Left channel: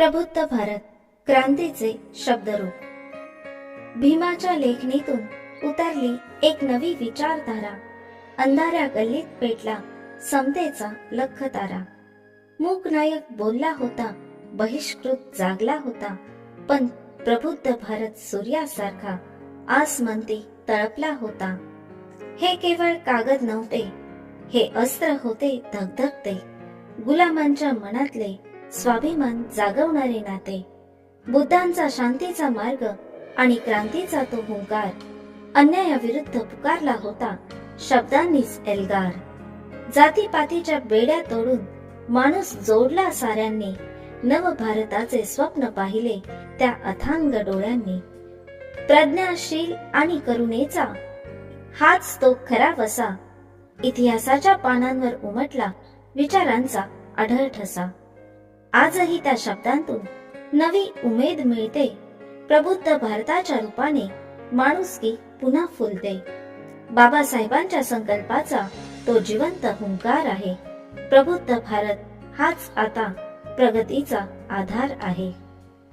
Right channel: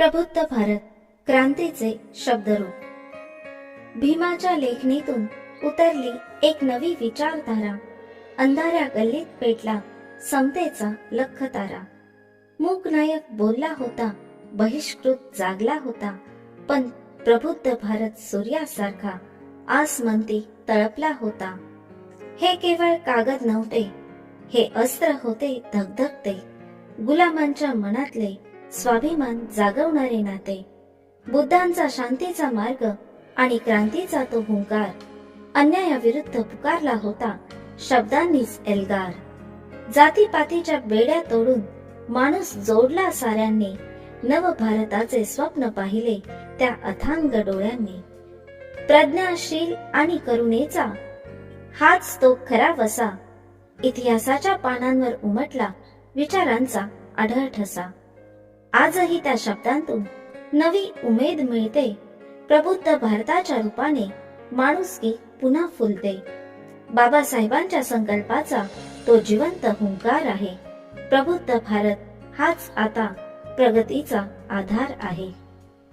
प्रबुद्ध भारत क्रांतीचे शब्दरूप. भीमाच्या लेखणीतून उतरली एक नवी विचारधारा. अंधाऱ्या गल्लीत पेटला समतेचा लख तारा. मूकनायक बोलला होता, बहिष्कृत जागला होता, पण प्रबुद्ध भारत सूर्यासारखा आसमंती तळपला होता. हे केवळ कागद नव्हते, हे अस्त्र होते धगधगते, गुलामांच्या मनातले स्वाभिमान जागवणारे नाते. बुद्धांचा शांतीचा मार्ग आणि क्रांतीचा तो हुंकार, अन्यायाविरुद्ध पुकारला होता शब्दांनीच एल्गार. जातीपातीच्या बेड्या तोडून माणूस जोडला साऱ्यांनी, नव भारताचे स्वप्न पाहिले त्या अथांग डोळ्यांनी. प्रज्ञाशील आणि करुणेचा हाच तो खरा वसा, इतिहासाच्या पानांवर उमटला विचारांचा आढळ ठसा. आजही त्या शब्दांतून नवी उमेद मिळते, प्रबुद्ध भारताच्या रूपाने माणुसकी पुन्हा फुलते. बाबासाहेबांच्या संकल्पाचा तो जिवंत हुंकार आहे. प्रबुद्ध भारत हाच आता प्रगतीचा आधार आहे.